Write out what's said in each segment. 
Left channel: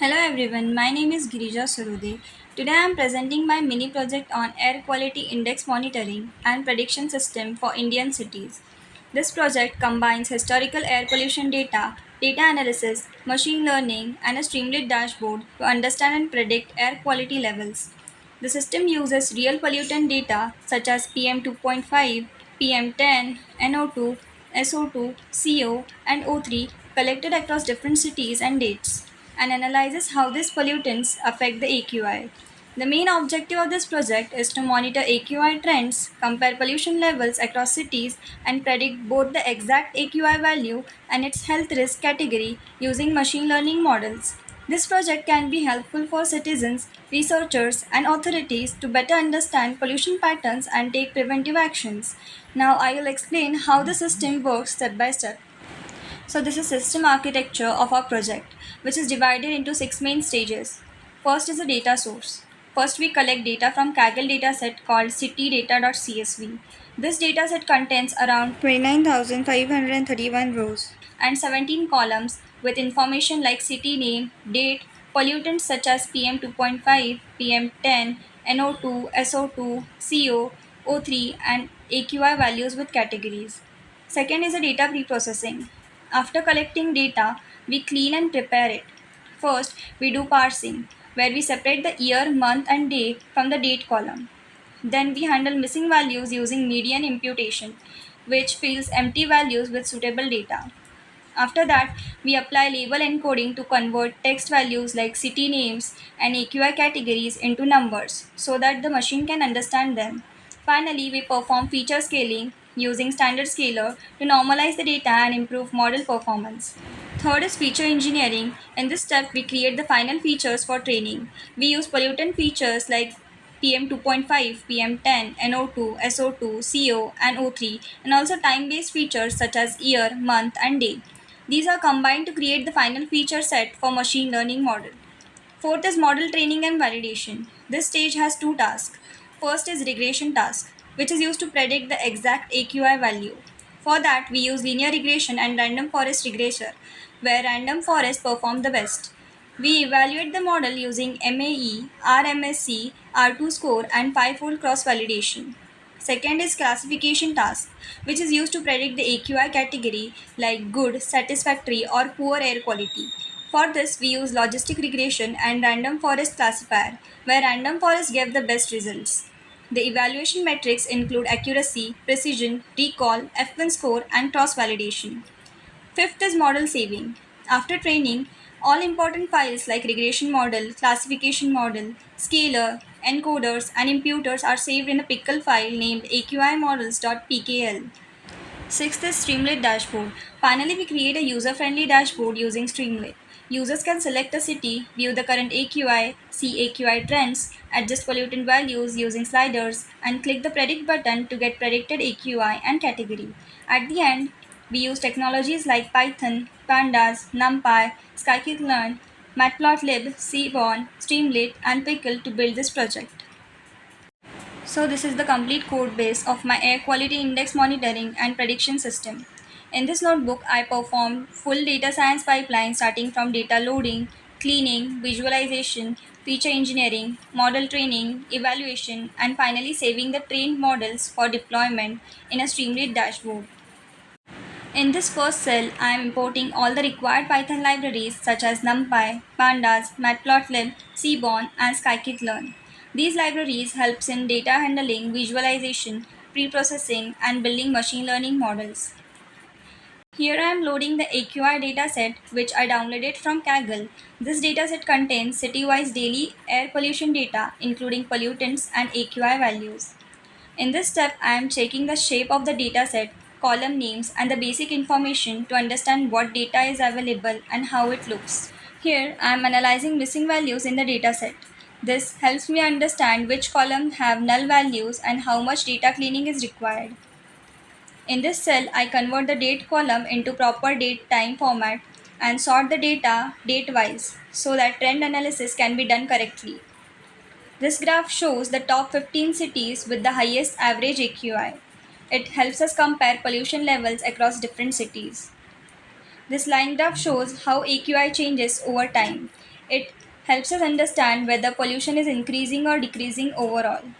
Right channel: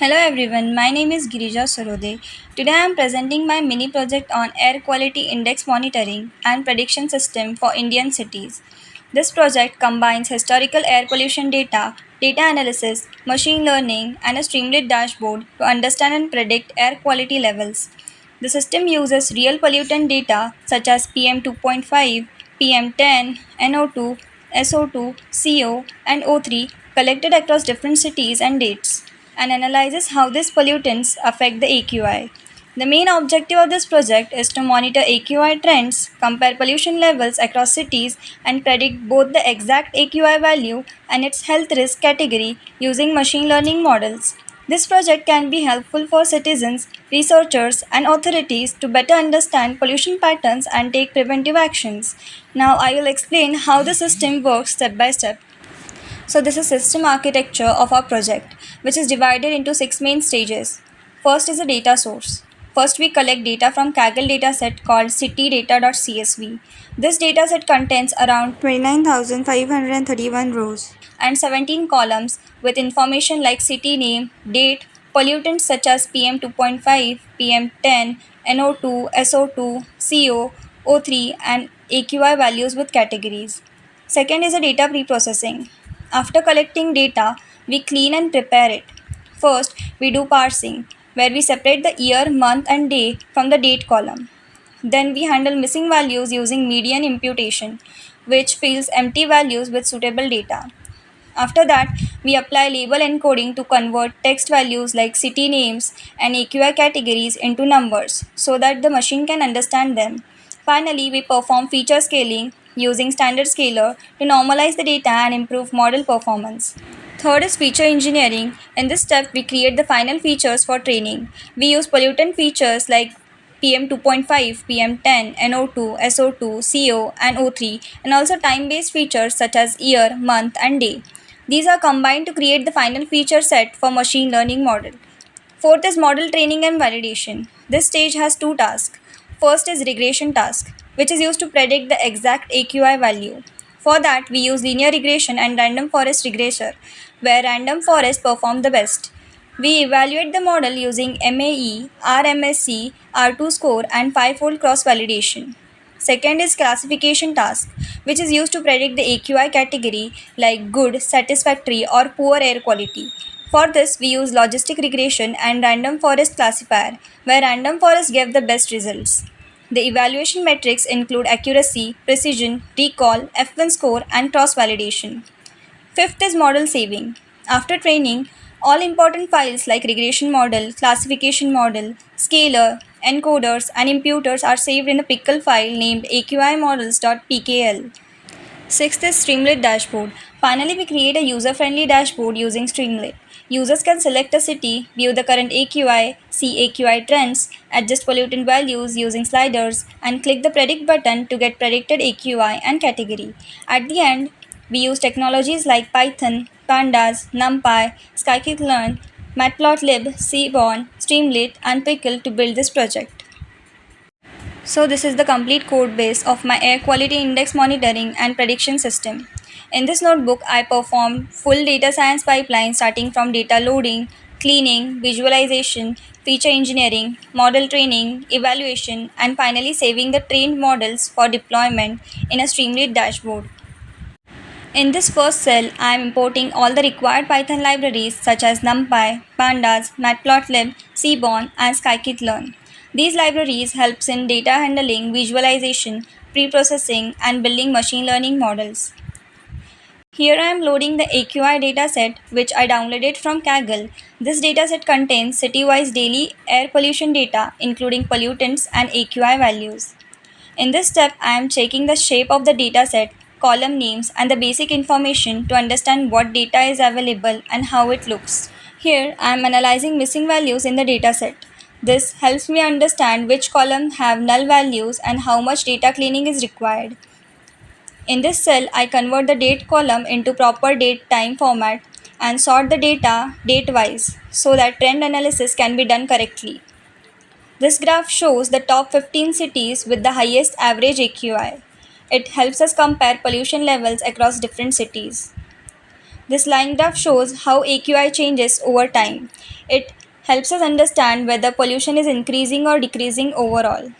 Hello everyone, my name is Girija Sarode. Today I am presenting my mini project on air quality index monitoring and prediction system for Indian cities. This project combines historical air pollution data, data analysis, machine learning, and a Streamlit dashboard to understand and predict air quality levels. The system uses real pollutant data such as PM2.5, PM10, NO2, SO2, CO, and O3 collected across different cities and dates and analyzes how these pollutants affect the AQI. The main objective of this project is to monitor AQI trends, compare pollution levels across cities, and predict both the exact AQI value and its health risk category using machine learning models. This project can be helpful for citizens, researchers, and authorities to better understand pollution patterns and take preventive actions. Now, I will explain how the system works step by step. So this is system architecture of our project, which is divided into 6 main stages. First is a data source. First, we collect data from Kaggle dataset called citydata.csv. This dataset contains around 29,531 rows and 17 columns with information like city name, date, pollutants such as PM2.5, PM10, NO2, SO2, CO, O3, and AQI values with categories. Second is a data preprocessing. After collecting data, we clean and prepare it. First, we do parsing, where we separate the year, month, and day from the date column. Then we handle missing values using median imputation, which fills empty values with suitable data. After that, we apply label encoding to convert text values like city names and AQI categories into numbers so that the machine can understand them. Finally, we perform feature scaling using standard scaler to normalize the data and improve model performance. Third is feature engineering. In this step, we create the final features for training. We use pollutant features like PM2.5, PM10, NO2, SO2, CO, and O3, and also time based features such as year, month, and day. These are combined to create the final feature set for machine learning model. Fourth is model training and validation. This stage has two tasks. First is regression task, which is used to predict the exact AQI value. For that, we use linear regression and random forest regressor, where random forest perform the best. We evaluate the model using MAE, RMSE, R2 score, and 5-fold cross validation. Second is classification task, which is used to predict the AQI category like good, satisfactory, or poor air quality. For this, we use logistic regression and random forest classifier, where random forests give the best results. The evaluation metrics include accuracy, precision, recall, F1 score, and cross validation. Fifth is model saving. After training, all important files like regression model, classification model, scaler, encoders, and imputers are saved in a pickle file named AQImodels.pkl. Sixth is Streamlit dashboard. Finally, we create a user-friendly dashboard using Streamlit. Users can select a city, view the current AQI, see AQI trends, adjust pollutant values using sliders, and click the predict button to get predicted AQI and category. At the end, we use technologies like Python, Pandas, NumPy, Scikit-learn, Matplotlib, Seaborn, Streamlit, and Pickle to build this project. So this is the complete code base of my air quality index monitoring and prediction system. In this notebook, I performed full data science pipeline starting from data loading, cleaning, visualization, feature engineering, model training, evaluation, and finally saving the trained models for deployment in a Streamlit dashboard. In this first cell, I am importing all the required Python libraries such as NumPy, Pandas, Matplotlib, Seaborn, and Scikit-learn. These libraries helps in data handling, visualization, pre-processing, and building machine learning models. Here I am loading the AQI dataset which I downloaded from Kaggle. This dataset contains city-wise daily air pollution data including pollutants and AQI values. In this step, I am checking the shape of the dataset, column names, and the basic information to understand what data is available and how it looks. Here, I am analyzing missing values in the dataset. This helps me understand which columns have null values and how much data cleaning is required. In this cell, I convert the date column into proper date time format and sort the data date-wise so that trend analysis can be done correctly. This graph shows the top 15 cities with the highest average AQI. It helps us compare pollution levels across different cities. This line graph shows how AQI changes over time. It helps us understand whether pollution is increasing or decreasing overall.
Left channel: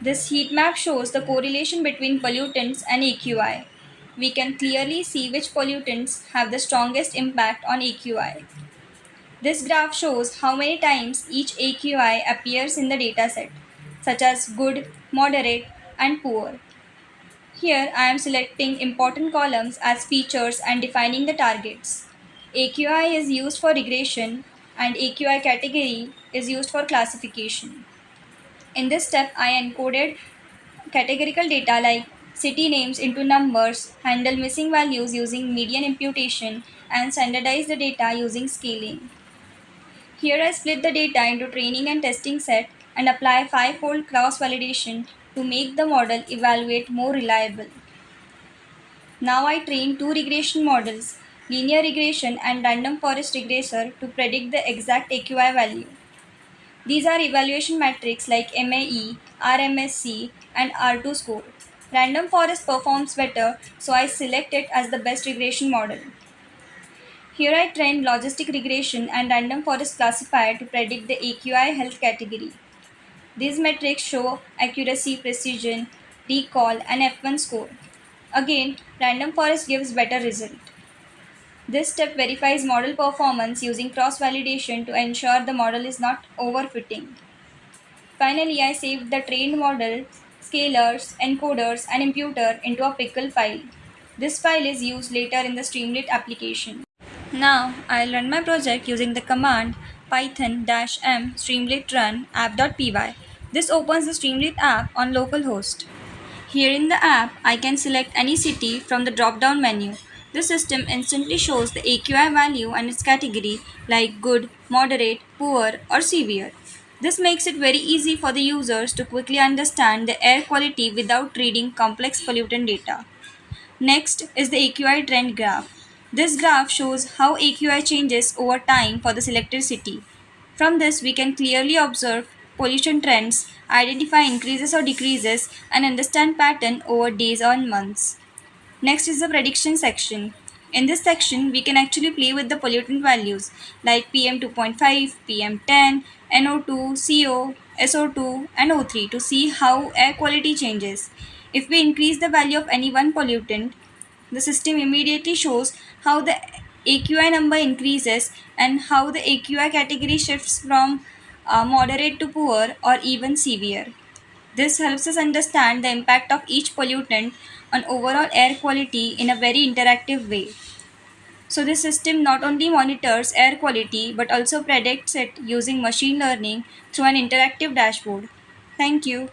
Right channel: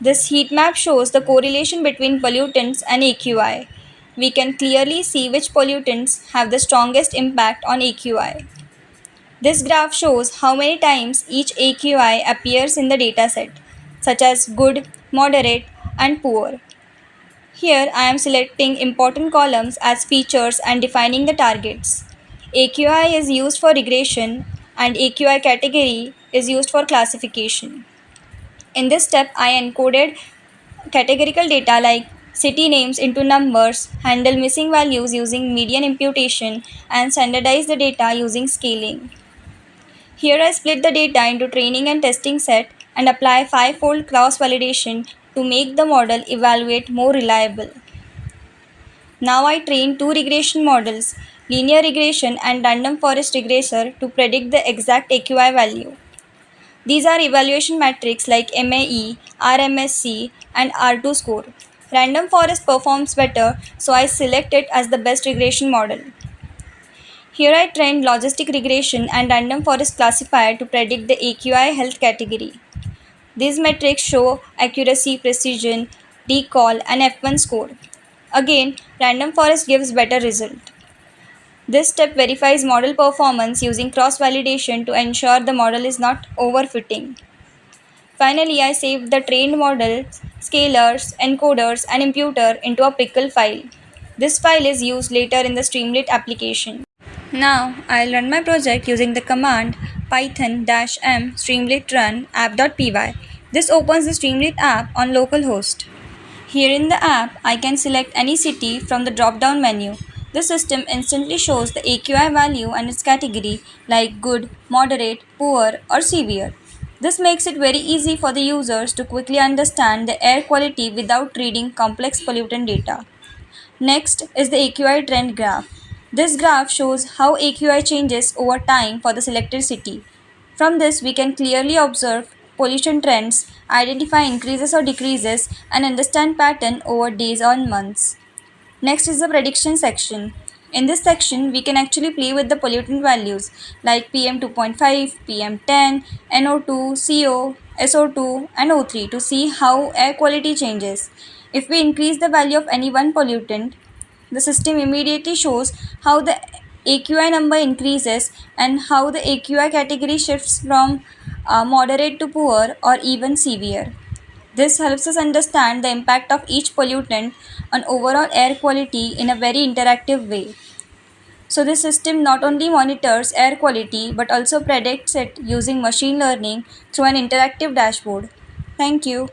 This heat map shows the correlation between pollutants and AQI. We can clearly see which pollutants have the strongest impact on AQI. This graph shows how many times each AQI appears in the dataset, such as good, moderate, and poor. Here I am selecting important columns as features and defining the targets. AQI is used for regression and AQI category is used for classification. In this step, I encoded categorical data like city names into numbers, handle missing values using median imputation, and standardize the data using scaling. Here I split the data into training and testing set and apply 5-fold cross-validation to make the model evaluate more reliable. Now I train two regression models, linear regression and random forest regressor, to predict the exact AQI value. These are evaluation metrics like MAE, RMSC, and R2 score. Random forest performs better, so I select it as the best regression model. Here I trained Logistic Regression and Random Forest Classifier to predict the AQI health category. These metrics show accuracy, precision, recall, and F1 score. Again, Random Forest gives better result. This step verifies model performance using cross-validation to ensure the model is not overfitting. Finally, I saved the trained models, scalars, encoders, and imputer into a pickle file. This file is used later in the Streamlit application. Now, I'll run my project using the command python-m streamlit run app.py. This opens the Streamlit app on localhost. Here in the app, I can select any city from the drop-down menu. The system instantly shows the AQI value and its category like good, moderate, poor, or severe. This makes it very easy for the users to quickly understand the air quality without reading complex pollutant data. Next is the AQI trend graph. This graph shows how AQI changes over time for the selected city. From this, we can clearly observe pollution trends, identify increases or decreases, and understand pattern over days or months. Next is the prediction section. In this section, we can actually play with the pollutant values like PM 2.5, PM 10, NO2, CO, SO2, and O3 to see how air quality changes. If we increase the value of any one pollutant, the system immediately shows how the AQI number increases and how the AQI category shifts from moderate to poor or even severe. This helps us understand the impact of each pollutant on overall air quality in a very interactive way. So this system not only monitors air quality but also predicts it using machine learning through an interactive dashboard. Thank you.